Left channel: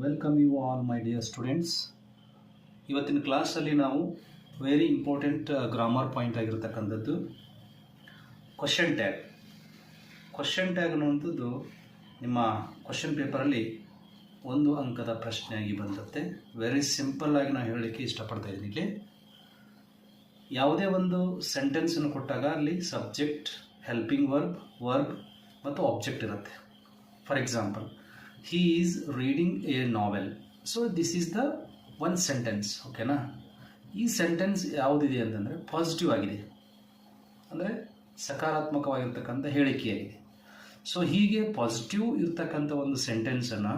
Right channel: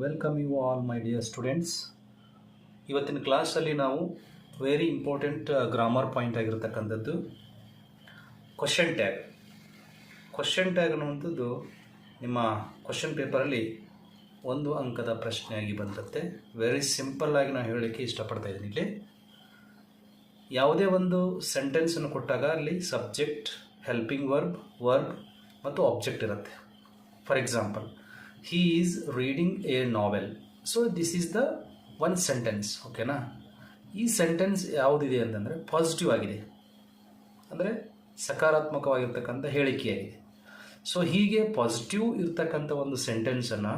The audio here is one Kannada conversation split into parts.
Welcome you all my dear students. ಇವತ್ತಿನ ಕ್ಲಾಸಲ್ಲಿ ನಾವು ವೆರಿ ಇಂಪಾರ್ಟೆಂಟ್ ಗ್ರಾಮರ್ ಪಾಯಿಂಟ್ ಆಗಿರ್ತಕ್ಕಂಥದ್ದು ಕ್ವಶನ್ ಟ್ಯಾಗ್. ಕ್ವಶನ್ ಟ್ಯಾಗ್ ಅನ್ನುವಂಥದ್ದು ನಿಮ್ಮ ಕ್ವಶನ್ ಪೇಪರಲ್ಲಿ 1 ಅಂಕದ ಪ್ರಶ್ನೆಯಾಗಿ ಬಂದತ್ತೆ. ವೆರಿ ಸಿಂಪಲ್ ಆಗಿ ನಾನು ಹೇಳಲಿಕ್ಕೆ ಇಷ್ಟಪಡ್ತಾ ಇದ್ದೀನಿ. ಇಲ್ಲಿ ಯಾವುದೇ ಒಂದು ಸೆಂಟೆನ್ಸನ್ನು ಕೊಟ್ಟಾಗ ಅಲ್ಲಿ ಸಬ್ಜೆಕ್ಟ್, ಹೆಲ್ಪಿಂಗ್ ವರ್ಬ್ ಮತ್ತು ಆಬ್ಜೆಕ್ಟ್ ಇರುತ್ತೆ. For example, he is reading a novel. So this is the one sentence. ಓಕೆನಾ? ಈ ಸೆಂಟೆನ್ಸ್ ಯಾವುದಿದೆ ಅಂತಂದರೆ ಪಾಸಿಟಿವ್ ಆಗಿದೆ, ಅಂದರೆ ಸಕಾರಾತ್ಮಕವಾಗಿರ್ತಕ್ಕಂಥ ಹೇಳಿಕೆಯಾಗಿದೆ. ಸೊ ಹೀಗೆ ಪಾಸಿಟಿವ್ ಇರ್ತಕ್ಕಂಥ ಒಂದು ಸೆಂಟೆನ್ಸನ್ನು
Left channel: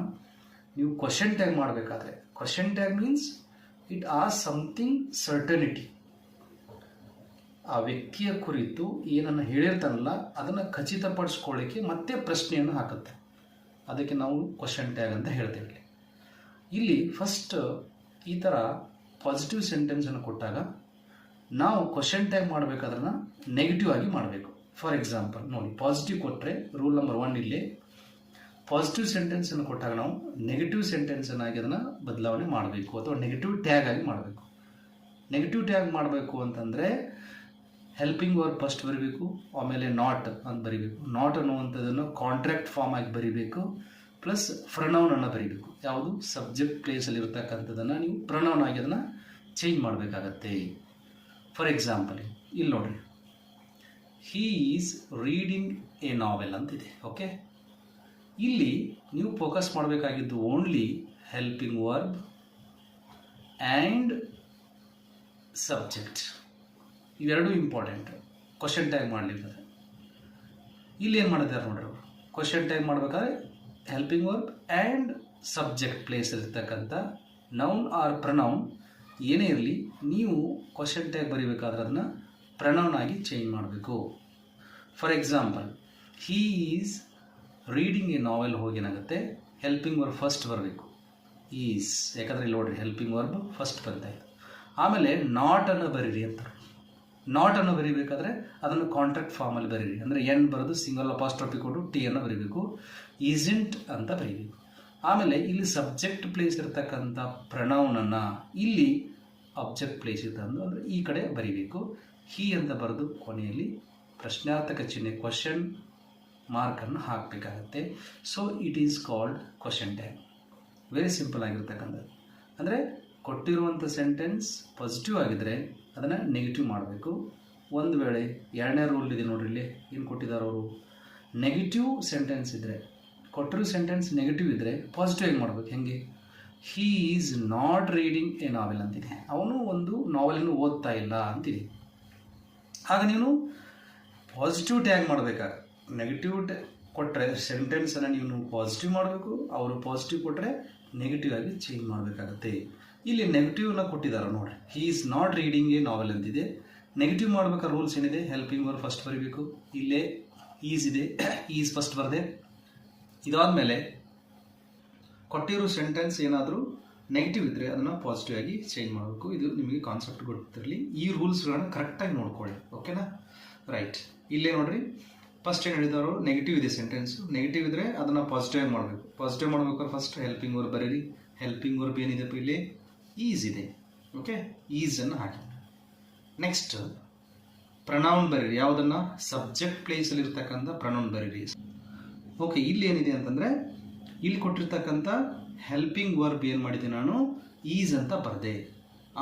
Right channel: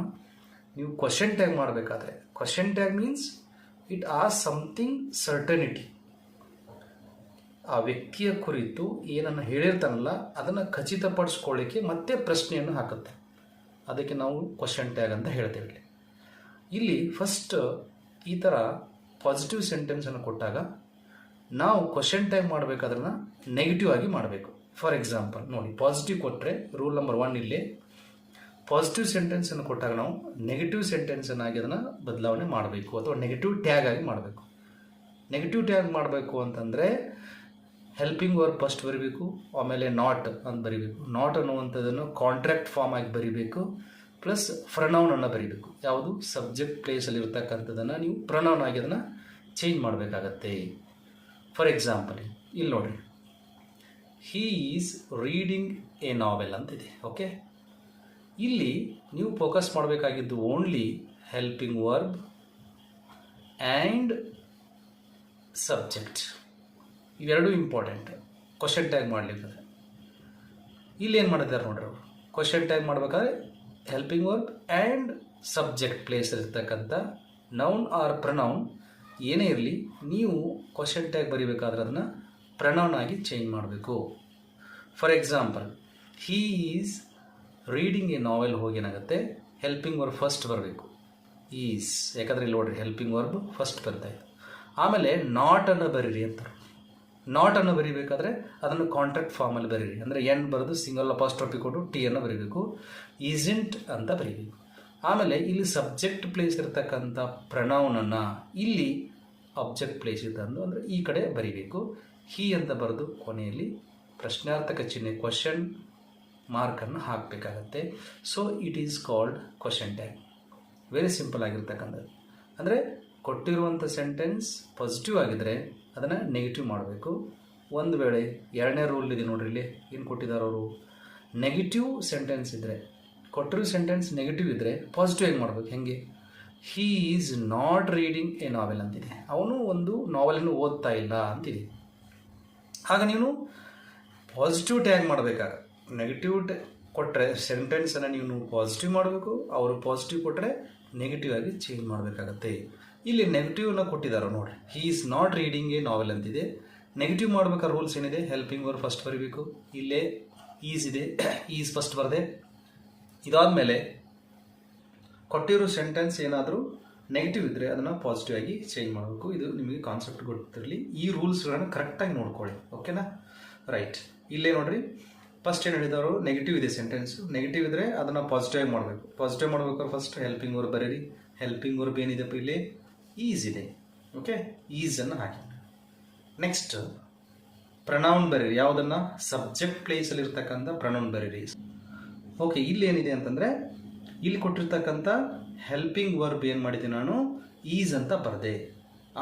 ನೀವು ಕ್ವಶನ್ ಟ್ಯಾಗ್ ಮಾಡಬೇಕಾದ್ರೆ, question tag means it as something certainty. ಆ ವ್ಯಕ್ತಿಯ ಕುರಿತು ಏನನ್ನು ಹೇಳಿರ್ತಾನಲ್ಲ ಅದನ್ನು ಖಚಿತಪಡಿಸ್ಕೊಳ್ಳಿಕ್ಕೆ ಮತ್ತೆ ಪ್ರಶ್ನೆಯನ್ನು ಹಾಕುತ್ತೆ. ಅದಕ್ಕೆ ನಾವು ಕ್ವಶನ್ ಟ್ಯಾಗ್ ಅಂತ ಹೇಳ್ತೇವೆ. ಇಲ್ಲಿ ಫಸ್ಟ್ ಈ ಥರ ಪಾಸಿಟಿವ್ ಸೆಂಟೆನ್ಸನ್ನು ಕೊಟ್ಟಾಗ ನಾವು ಕ್ವಶನ್ ಟ್ಯಾಗ್ ಮಾಡಬೇಕಾದ್ರನ್ನ ನೆಗೆಟಿವ್ ಆಗಿ ಮಾಡಬೇಕು. ಫಾರ್ ಎಕ್ಸಾಂಪಲ್ ನೋಡಿ, ಪಾಸಿಟಿವ್ ಕೊಟ್ಟರೆ ರೂಲ್ ನಂಬರ್ 1 ಇಲ್ಲಿ ಪಾಸಿಟಿವ್ ಸೆಂಟೆನ್ಸನ್ನು ಕೊಟ್ಟಾಗ ನಾವು ನೆಗೆಟಿವ್ ಸೆಂಟೆನ್ಸನ್ನಾಗಿ ಅದನ್ನು ಬದಲಾವಣೆ ಮಾಡಬೇಕು ಅಥವಾ ನೆಗೆಟಿವ್ ಟ್ಯಾಗ್ ಆಗಿ ಮಾಡಬೇಕು. ನೆಗೆಟಿವ್ ಟ್ಯಾಗ್ ಮಾಡಬೇಕು ಅಂತಂದರೆ ಹೆಲ್ಪಿಂಗ್ ವರ್ಬ್ ಫಸ್ಟ್ ಬರೀಬೇಕು, ಆಮೇಲೆ ನಾಟ್ ಅಂತ ಬರೀಬೇಕು. ನಾಟ್ ಅನ್ನುವಂಥದ್ದನ್ನು ಕಾಂಟ್ರಾಕ್ಟ್ ಫಾರ್ಮ್ ಆಗಿ ಬರೀಬೇಕು, ಪ್ಲಸ್ ಪ್ರನೌನನ್ನು ಬರೀಬೇಕು. ಯಾವುದು ಸಬ್ಜೆಕ್ಟ್ ಪ್ಲೇಸಲ್ಲಿ ಇರ್ತಕ್ಕಂಥದ್ದನ್ನು ನೀವು ಪ್ರನೌನ್ ಆಗಿ ಅದನ್ನು ಚೇಂಜ್ ಮಾಡಬೇಕಾಗತ್ತೆ. ಫಾರ್ ಎಕ್ಸಾಂಪಲ್ ಇಲ್ಲಿ ನೋಡಿ, he is reading a novel ಅಂತಿದೆ. ಓಕೆ, ಇಲ್ಲಿ ನೀವು ಫೋಕಸ್ ಮಾಡಬೇಕಾಗಿದ್ದು only helping verb and subject. ಇವೆರಡೂ ಇಂಪಾರ್ಟೆಂಟ್ ಕ್ವಶನ್ ಟ್ಯಾಗ್ ಮಾಡಲಿಕ್ಕೆ. ಇಲ್ಲಿ ಏನು ಮಾಡಿದ್ದಾರೆ ನೋಡ್ರಿ, ಕ್ವಶನ್ ಟ್ಯಾಗ್ ಮಾಡಬೇಕಾದ್ರೆ helping verb and subject place ಇರ್ತಕ್ಕಂಥ ನೌನ್ ಆರ್ ಪ್ರನೌನ್ ಏನೇ ಇರಲಿ, ನೀವು ಕ್ವಶನ್ ಟ್ಯಾಗ್ ಬರೀಬೇಕಾದ್ರೆ ಅದನ್ನು ಪ್ರನೌನ್ ಆಗಿ ಚೇಂಜ್ ಮಾಡಬೇಕು. For example, he is reading a novel ಹೋಗಿ ಏನಾಗುತ್ತೆ, ಹೆಲ್ಪಿಂಗ್ ವರ್ಬ್ ಫಸ್ಟ್ ಬರಬೇಕು, ಈಸ್. ಯಾಕಂದರೆ ಇಲ್ಲಿ ನೋಡ್ರಿ ಹೆಲ್ಪಿಂಗ್ ವರ್ಬ್ ಫಸ್ಟ್ ಬರ್ತಾ ಇದೆ. ಆಮೇಲೆ ನಾಟನ್ನು ಬರೀರಿ ಅಂತಾರೆ. ನಾಟನ್ನು ಬರೀಬೇಕಾದ್ರೆ ಅದನ್ನು ಕಾಂಟ್ರಾಕ್ಟ್ ಫಾರ್ಮಲ್ಲಿ ಬರೀರಿ, ಅಂದರೆ ಎನ್ ಬರೋದು ಸಿಂಗಲ್ ಅಪಾಸ್ಟ್ರಫಿ ಕೊಟ್ಟು ಟಿಯನ್ನು ಬರೀಬೇಕು, ಈಸೆಂಟ್ ಅಂತ ಬರೀಬೇಕು. ಆಮೇಲೆ ಇಲ್ಲಿ ಸಬ್ಜೆಕ್ಟ್ ಪ್ಲೇಸ್ ಇರತಕ್ಕಂಥ ಪ್ರನೌನನ್ನು ಇಲ್ಲಿ ಆಬ್ಜೆಕ್ಟ್ ಪ್ಲೇಸ್ ತಂದು ಅಂದರೆ ಈ ಕಡೆ ಬರೀಬೇಕು. ಹೀ ಅಂತ ಬರೆದು ಕೊನೆಯಲ್ಲಿ ಪ್ರಶ್ನಾರ್ಥಕ ಚಿಹ್ನೆ ಕ್ವಶನ್ ಮಾರ್ಕನ್ನು ಹಾಕಬೇಕಾಗತ್ತೆ. So it is called question tag. Very simple ಆಗಿರ್ತಕ್ಕಂಥದ್ದು. ಅಂದರೆ ಕೊಟ್ಟಿರುವಂಥ ಸೆಂಟೆನ್ಸ್ ಪಾಸಿಟಿವ್ ಆಗಿದ್ದರೆ ಅದನ್ನು ನೆಗೆಟಿವ್ ಮಾಡಬೇಕು. ಒಂದು ವೇಳೆ ಎರಡನೇ ರೂಲ್ ಇದೆ ನೋಡ್ರಿ, ಇಲ್ಲಿ ಏನು ಕೊಟ್ಟಿದ್ದಾರೆ ಅವರು, ನೆಗೆಟಿವ್ ಸೆಂಟೆನ್ಸ್ ಇದ್ದರೆ, ಕೊಟ್ಟಿರೋ ಸೆಂಟೆನ್ಸ್ ನೆಗೆಟಿವ್ ಇದ್ದರೆ ಪಾಸಿಟಿವ್ ಆಗಿ ಮಾಡಬೇಕು. ಹೆಂಗೆ, he is not reading a novel ಅಂತಿದೆ, ಅವನು ಒಂದು ನಾವೆಲನ್ನು ಓದ್ತಾ ಇಲ್ಲ ಅಂತಿದೆ. ಆಗ ನೀವು ಪಾಸಿಟಿವ್ ಟ್ಯಾಗ್ ಮಾಡಬೇಕಾಗ ನೆಗೆಟಿವ್ ಕೊಟ್ಟರೆ ಸೆಂಟೆನ್ಸನ್ನು ನೀವು ಪಾಸಿಟಿವ್ ಮಾಡಬೇಕು, ಅವರು ಪಾಸಿಟಿವ್ ಕೊಟ್ಟರೆ ನೆಗೆಟಿವ್ ಆಗಿ ಚೇಂಜ್ ಮಾಡಬೇಕಾಗತ್ತೆ. ಇಲ್ಲಿ ನೆಗೆಟಿವ್ನ ಕೊಟ್ಟಿದ್ದಾರೆ ನೋಡಿರಿ, he is not reading a novel ಅಂತಿದೆ. ನೆಗೆಟಿವ್ ಮಾಡ್ಬೇಕಾದ್ರೆ ರೂಲ್ಸ್ ಏನಿದೆ, ಹೆಲ್ಪಿಂಗ್ ವರ್ಬ್ ಫಸ್ಟ್ ಬರೀಬೇಕು, ಇಲ್ಲೇ ಈಸ್ ಇದೆ, ಈಸ್ ಫಸ್ಟ್ ಬರದೆ. ಇದಾದಮೇಲೆ ಕೊಟ್ಟಿರೋ ಸೆಂಟೆನ್ಸ್ ಏನಾದರೂ ನೆಗೆಟಿವ್ ಇದ್ದರೆ ಅದನ್ನು ಪಾಸಿಟಿವ್ ಆಗಿ ಚೇಂಜ್ ಮಾಡಬೇಕು. ಇದು ನಿಮಗೆ ಕಾನ್ಸೆಪ್ಟ್ ಗೊತ್ತಿರಲಿ. ಈ ರೂಲ್ಸ್ಗಳನ್ನು ಕರೆಕ್ಟಾಗಿ ನೋಡ್ಕೊಳ್ಳಿ. ಓಕೆನಾ? ರೈಟ್. ಇಲ್ಲೇ ನೋಡಿರಿ, ಫಸ್ಟ್ ಏನು ಹೇಳಿದವರು, ನೆಗೆಟಿವ್ ಇದೆ ಸೆಂಟೆನ್ಸು, ನೆಗೆಟಿವ್ ಇದ್ದರೆ ಅದನ್ನು ಪಾಸಿಟಿವ್ ಆಗಿ ಮಾಡಬೇಕು. ಪಾಸಿಟಿವ್ ಮಾಡಬೇಕಾದ್ರೆ ಫಸ್ಟ್ ಹೆಲ್ಪಿಂಗ್ ವರ್ಬ್ ಬರೀರಿ. ಹೆಲ್ಪಿಂಗ್ ವರ್ಬ್ ಏನಿದೆಪ್ಪ ಇಲ್ಲಿ, ಈಸ್ ಇದೆ. ಓಕೆ, ಈಸನ್ನು ಹಾಕಿ. ನೆಕ್ಸ್ಟ್ ಪ್ರನೌನ್ ಬರೀರಿ. ಯಾವುದನ್ನು, ಸಬ್ಜೆಕ್ಟ್ ಪ್ಲೇಸಲ್ಲಿ ಇರ್ತಕ್ಕಂಥ ಪ್ರನೌನ್ ಬರೀರಿ. ಓಕೆ, ಇಲ್ಲಿ ಏನಿದೆ ಅಂತಂದರೆ ಇಲ್ಲಿ ಕೊಟ್ಟಿರ್ತಕ್ಕಂಥ ಹೆಲ್ಪಿಂಗ್ ವರ್ಬ್ ಏನು ಮಾಡಿದೆ ನಾನು, ಈಸ್ ಅಂತ ಬರೆದೆ.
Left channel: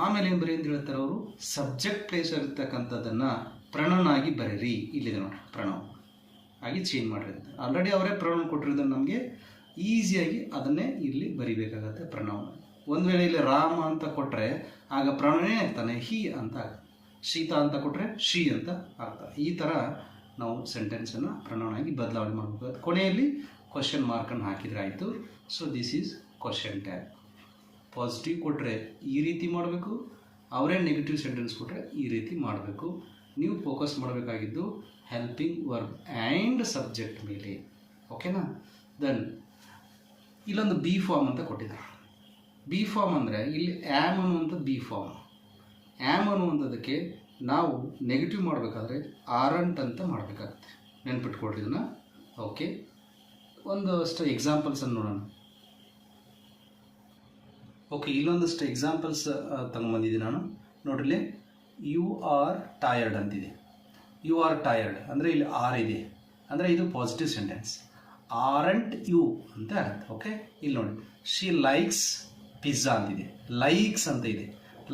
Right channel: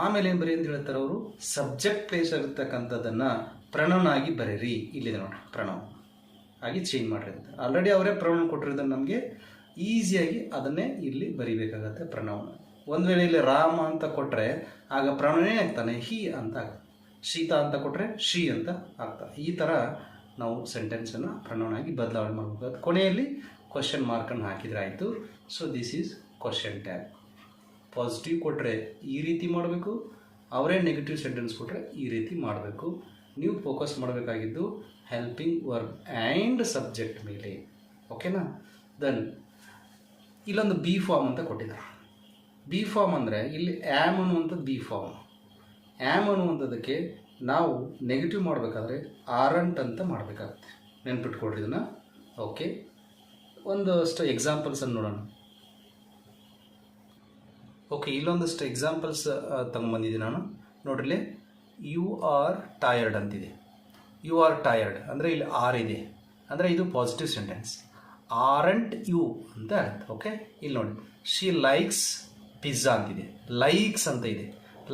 ಆಮೇಲೆ ಏನು ಬರೀ ಅಂತ ಹೇಳ್ತಾರೆ ಅವರು, ಸಬ್ಜೆಕ್ಟ್ ಪ್ಲೇಸಲ್ಲಿ ಇರ್ತಕ್ಕಂಥದ್ದನ್ನು ಪ್ರನೌನ್ ಆಗಿ ಬರೀರಿ. ಇಲ್ಲಿದೆ ನೋಡಿ, ಪ್ರನೌನ್ ಆಗಿ ಚೇಂಜ್ ಮಾಡಿರಿ ಅಂತ. ಆಲ್ರೆಡಿ ಅವರೇ ಪ್ರನೌನ್ ಕೊಟ್ಟಿರೋದನ್ನು ನಮಗೆ ಈಸಿಯಾಗಿ ಅದನ್ನೇ ಇಲ್ಲಿ ಬರಿಬೇಕಾಗತ್ತೆ ಪ್ರನೌನ್. ಒಂದು ವೇಳೆ ಇಲ್ಲಿ ರಾಮ ಅಂತ ಕೊಟ್ಟರೆ ಆಗ ಪ್ರನೌನೇ ಆಗ್ತಾನೆ, ಹಿ ಅಂತ ಆಗುತ್ತೆ. ಶೀತಾ ಅಂತ ಕೊಟ್ಟರೆ ಶಿ ಅಂತ ಆಗ್ತದೆ. ಈ ಥರ ನಾವು ಸೆಂಟೆನ್ಸನ್ನು ಪ್ರನೌನ್ ಆಗಿ ಬದಲಾವಣೆ ಮಾಡಬೇಕು. ಕೊನೆಯಲ್ಲಿ ಕ್ವಶನ್ ಮಾರ್ಕನ್ನು ಹಾಕಿದರೆ ಆಯಿತು. So this is question tag. Positive ಕೊಟ್ಟರೆ ಈ ರೀತಿ ಮಾಡಬೇಕು, ಅವರೇ ನೆಗೆಟಿವ್ ಸೆಂಟೆನ್ಸ್ ಕೊಟ್ಟರೆ ಈ ರೀತಿ ಮಾಡಬೇಕು. ನೀವು ಫೋಕಸ್ ಮಾಡಬೇಕಾಗಿದ್ದು ಹೆಲ್ಪಿಂಗ್ ವರ್ಬ್ ಆ್ಯಂಡ್ ಸಬ್ಜೆಕ್ಟ್ ಮೇಲೆ. ಓಕೆನಾ? ದೆನ್ ಇಲ್ಲೊಂದು ಬಿ ಫಾರ್ಮ್ ಅಂತ ಕೊಟ್ಟಿದ್ದಾರೆ. ಬಿ ಫಾರ್ಮ್ ಅಂದರೆ ಇಲ್ಲಿ ಆ್ಯಮ್ ಅನ್ನುವಂಥದ್ದು ಬಿ ಫಾರ್ಮ್. ಆ್ಯಮ್ ಅನ್ನುವಂಥದ್ದಕ್ಕೆ ನಾವು ನೆಗೆಟಿವ್ ಮಾಡಬೇಕಾದ್ರೆ ಆರಂಟ್ ಅಂತ ಮಾಡಬೇಕಾಗತ್ತೆ. ನೆನ್ಪಿಟ್ಕೊಡ್ರಿ ಇದನ್ನು. ಓಕೆ, ಒಂದಷ್ಟು ಎಕ್ಸಾಂಪಲ್ಸನ್ನು ನೋಡೋಣ. ಓಕೆ, ಇಲ್ಲೊಂದಷ್ಟು ಎಕ್ಸಾಂಪಲ್ಸ್ ತಗೊಂಬಂದಿದ್ದೀನಿ ನಾನು. ನೋಡ್ರಿ, ಯು ಆರ್ ಟಯರ್ಡ್ ಅಂತಿದೆ. ಯು ಆರ್ ಟಯರ್ಡ್ ಅಂದರೆ ಇಲ್ಲಿ ಆರ್ ಇದೆ, ಅಂದರೆ ಇದು ಪಾಸಿಟಿವ್ ಸೆಂಟೆನ್ಸ್. ಆರಂಟ್ ಯು ಅಂತ ಅರ್ಥ. ಓಕೆ, ಇಲ್ಲಿ ನೋಡಿ, ಶಿ ಲೈಕ್ಸ್ ಪಿಜ್ಜಾ ಅಂತಿದೆ. ಲೈಕ್ಸ್ ಅಂತ ಇದೆ.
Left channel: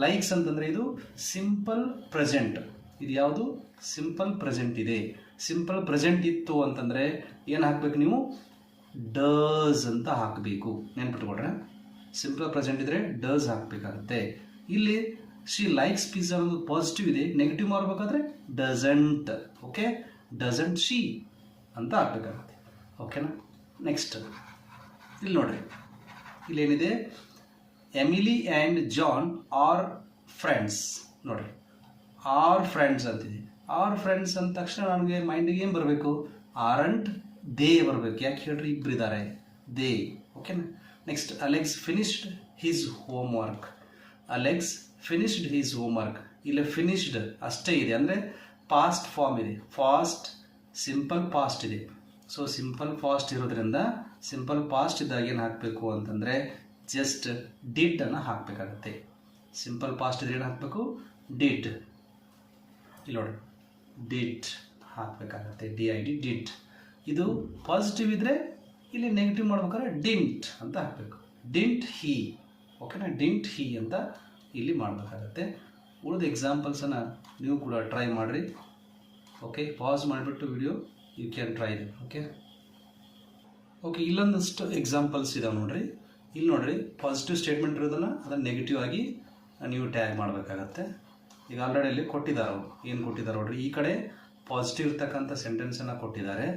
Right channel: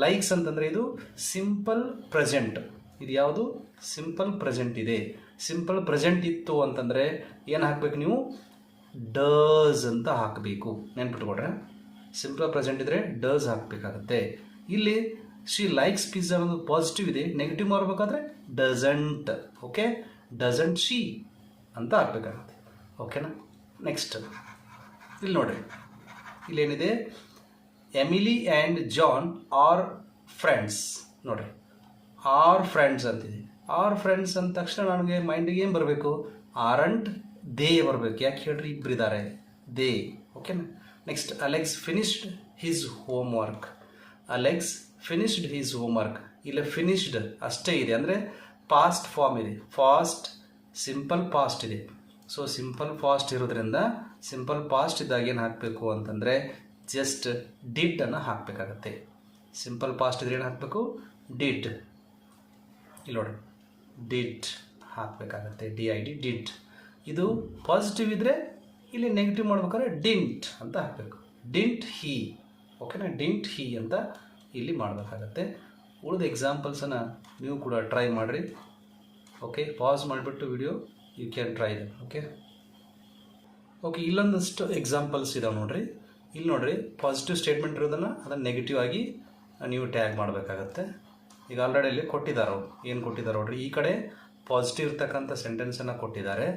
ಲೈಕ್ಸ್ ಅಂತಂದರೆ ಇದು ಸಿಂಪಲ್ ಪ್ರೆಸೆಂಟ್. ಇದು ಯಾವುದು? ಸಿಂಪಲ್ ಪ್ರೆಸೆಂಟ್ ಇದೆ. ಸಿಂಪಲ್ ಪ್ರೆಸೆಂಟ್ ಇತ್ತು ಅಂತಂದರೆ ಏನು ಹಾಕಬೇಕು ನೀವು? ಡಸ್ ಅಂತ ಹಾಕಬೇಕು. ನೆನ್ಪಿಟ್ಕೊಡ್ರೆ, ಸಿಂಪಲ್ ಪ್ರೆಸೆಂಟ್ ಇದ್ದರೆ ಡಸ್ ಹಾಕಬೇಕಾಗುತ್ತೆ. ಇಲ್ಲಿ ಶಿ ಲೈಕ್ಸ್ ಪಿಜ್ಜಾ ಅನ್ನೋದು ಪಾಸಿಟಿವ್ ಇದೆ, ನೆಗೆಟಿವ್ ಮಾಡಬೇಕಾದ್ರೆ ಡಸಂಟ್. ಓಕೆ, ಡಸಂಟ್ ಶಿ ಅಂತ ಹಾಕಬೇಕಾಗುತ್ತೆ. ಓಕೆನಾ? ನೆಕ್ಸ್ಟ್ ಇಲ್ಲಿ ನೋಡ್ರಿ, ಇಲ್ಲೇನಿದೆ? Emily and John are friends. ನೋಡ್ರಿ, ಆರ್ ಫ್ರೆಂಡ್ಸ್ ಅಂತಿದೆ. ಆರ್ ಫ್ರೆಂಡ್ಸ್ ಅಂದ ತಕ್ಷಣ ನನಗೆ ಮೈಂಡಿಗೆ ಏನು ಬರಬೇಕು? ಆರಂಟ್ ದೇ ಬರಬೇಕು. ಯಾಕೆ ಹೇಳ್ರಿ? ಇಬ್ಬರಿದ್ದಾರೆ, ದೇ. ಓಕೆನಾ? Next, Alex finished his home work. Alex finished his home work. ಇಲ್ಲಿ ಫಿನಿಶ್ಡ್ ಅಷ್ಟೇ ಇದೆ, ಅಂದರೆ ಪಾಸ್ಟ್ ಫಾರ್ಮ್ ಇದೆ. ಫಾಸ್ಟ್ ಸಿಂಪಲ್ ಪಾಸ್ಟ್ ಇದೆ. ಸೊ ಸಿಂಪಲ್ ಫಾಸ್ಟ್ ಇರೋದ್ರಿಂದ ಸಿಂಪಲ್ ಪಾಸ್ಟ್ ಇದ್ದಾಗ ಏನು ಹಾಕಬೇಕು ಅಂತಂದರೆ ಜಸ್ಟ್ ಡಿಡ್ ಅನ್ನು ಹಾಕಬೇಕಾಗತ್ತೆ. ಸಿಂಪಲ್ ಪಾಸ್ಟ್ ಇದ್ರೆ ಏನು ಹಾಕಬೇಕು? ಡಿಡ್. ಇಲ್ಲಿ ನೋಡಿ, ಡಿಡ್ ಹಾಕಬೇಕಾಗತ್ತೆ. DID, did. ಇದು ಪಾಸಿಟಿವ್ ಇದ್ದರೆ ಇಲ್ಲಿ ನೆಗೆಟಿವ್ ಮಾಡ್ಬೇಕಾದ್ರೆ ಡಿಂಟ್ ಅಂತ ಹಾಕಬೇಕು. ಡಿಂಟ್ ಹಿ. ಓಕೆನಾ? ಡಿಂಟ್ ಹಿ ಅಂತ ಇಲ್ಲಿ ಮಾಡಬೇಕಾಗತ್ತೆ. ಉಳಿದ ಎಕ್ಸಾಂಪಲ್ಸನ್ನು ನೀವು ಕೂಡ ಟ್ರೈ ಮಾಡಿರಿ. ಓಕೆ, ಪಾಸ್ ಮಾಡಿಬಿಟ್ಟು video you can try them. Okay, ಇಲ್ಲೊಂದಷ್ಟು ಎಕ್ಸಾಂಪಲ್ಸ್ ಇದಾವೆ ನೋಡ್ರಿ. ಇಲ್ಲಿ ನೋಡ್ರಿ, ಪಾಸಿಟಿವ್ ಸ್ಟೇಟ್ಮೆಂಟ್ ಇರೋದನ್ನು ಅದನ್ನು ನೆಗೆಟಿವ್ ಆಗಿ ನೀವು ಟ್ಯಾಗ್ ಮಾಡಬೇಕಾಗತ್ತೆ. ಈಗ ಆಲ್ರೆಡಿ ಇಲ್ಲಿ ಕೊಟ್ಟಿದ್ದಾರೆ ಅವರು. ಏನು ಕೊಟ್ಟಿದ್ದಾರೆ ನೋಡ್ರಿ, ಈ ಕಡೆ ಪಾಸಿಟಿವ್ ಇರ್ತಕ್ಕಂಥ ಸೆಂಟೆನ್ಸನ್ನು ಕೊಟ್ಟಿದ್ದಾರೆ,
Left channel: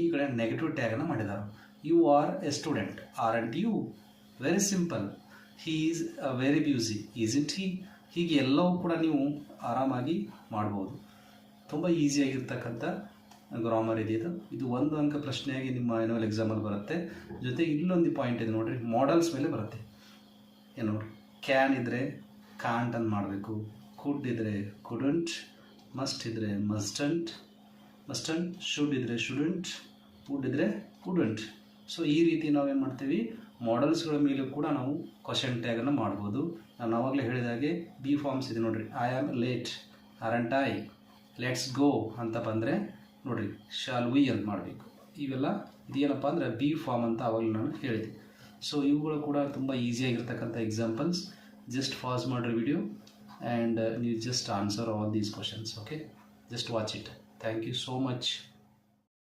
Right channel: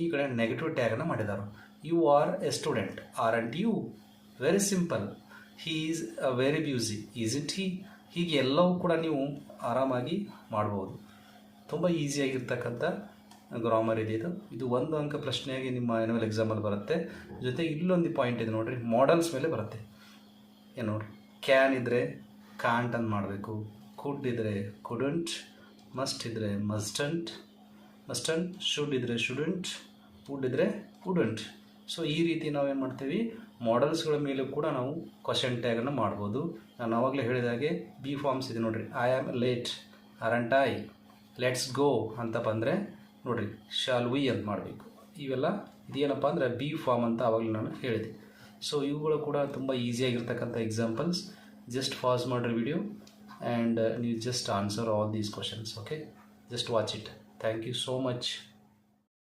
ಈ ಕಡೆ ನೆಗೆಟಿವ್ ಟ್ಯಾಗನ್ನು ಮಾಡಿದ್ದಾರೆ. You are a student. Aren't you? Very simple. He is very busy. Is it he? ಹೀಗೆ ಎಲ್ಲವೂ ಕೂಡ ನೀವು ಆರಾಮಾಗಿ ಮಾಡ್ಬೋದು. ತುಂಬ ಈಸಿಯಾಗಿರ್ತಕ್ಕಂಥ ಗ್ರಾಮರ್ ಇದೆ ಇದು. ಇದು 1 ಅಂಕ ಪ್ರಶ್ನೆಯಾಗಿ ನಿಮ್ಮ ಆ್ಯನ್ಯುವಲ್ ಎಕ್ಸಾಮಲ್ಲಿ ಬರುತ್ತೆ. ಜೊತೆಗೆ ಇಲ್ಲೊಂದು ಪಾಯಿಂಟ್ ಇದೆ ನೋಡಿರಿ, ಮಾಡಲ್ಸ್ ಮೇಲೆ ಬರುತ್ತೆ. ಏನು ನೋಡಿರಿ, ಕ್ಯಾನ್ ಇದ್ದರೆ ಕಾಂಟ್ ಅಂತ ಮಾಡಬೇಕು, ಕುಡ್ ಇದ್ದರೆ ಕುಡಂಟ್, ಮಸ್ಟ್ ಇದ್ದರೆ ಮಸ್ಟಂಟ್, ಶುಡ್ ಇದ್ದರೆ ಶುಡಂಟ್, ವುಡ್ ಇದ್ದರೆ ವುಡಂಟ್. ಸೊ ಈ ರೀತಿ ನಾವು ಏನು ಮಾಡ್ತೀವಿ, ಮಾಡಲ್ಸ್ಗಳ ಮೇಲೂ ಕೂಡ ನಾವು ಕ್ವಶನ್ ಟ್ಯಾಗನ್ನು ಮಾಡ್ಬೋದು. ನಾನು ಆವಾಗಲೇ ಹೇಳಿದ ಹಾಗೆ ಬಿ ಫಾರ್ಮ್ಸ್ ಇದೆ ನೋಡಿರಿ. I am late, ಅರಂಟ್ I, let's go ಅಂತ ಬಂದರೆ ನೋಡಿರಿ ಶಾಲ್ ವಿ ಅಂತ ಮಾಡಬೇಕು. ಇವೆಲ್ಲ ಇದೇನಪ್ಪ ಅಂದರೆ ಬಿ ಫಾರ್ಮ್ ಅಂತ ಆವಾಗಲೇ ನಾನು ಹೇಳಿದೆ. ಸೊ ಇವುಗಳು ಕೂಡ ತುಂಬ ಈಸಿಯಾಗಿರ್ತಕ್ಕಂಥ ಎಕ್ಸಾಂಪಲ್ಸ್. ಜಸ್ಟ್ ಪಾಸ್ ಮಾಡಿರಿ ವಿಡಿಯೋ ಆ್ಯಂಡ್ ನೀವು just answer all these questions. Okay, just watch it. Thank you so much.